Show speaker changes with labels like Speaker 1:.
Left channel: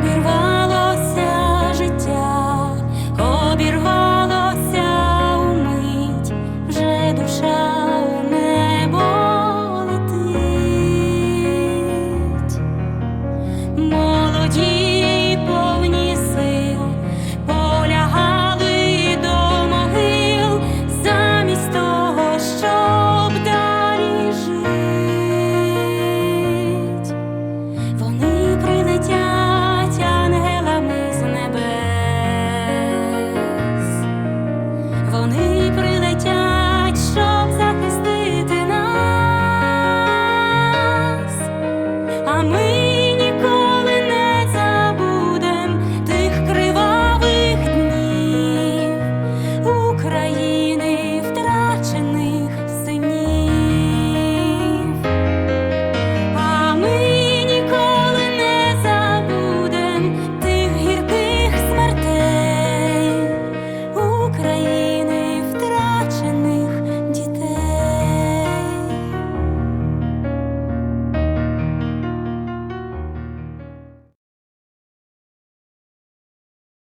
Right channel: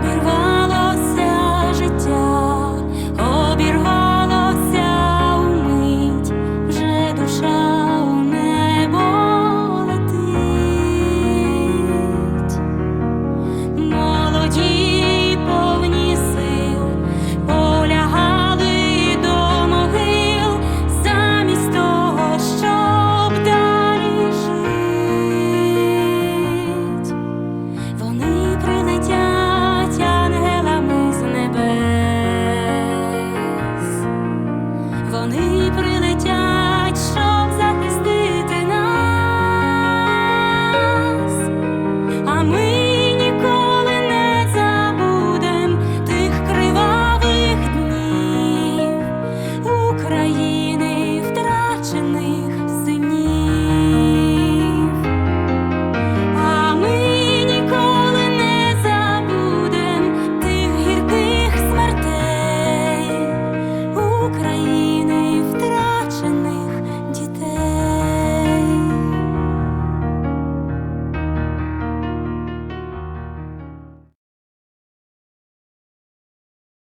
Speaker 1: обірвалося життя, обірвалося умить, вже душа у небо летить. Молоді Вони прилетять, щоб захистити нас. А ми ніколи не забудем тих кривавих днів України втрачених синів. А ми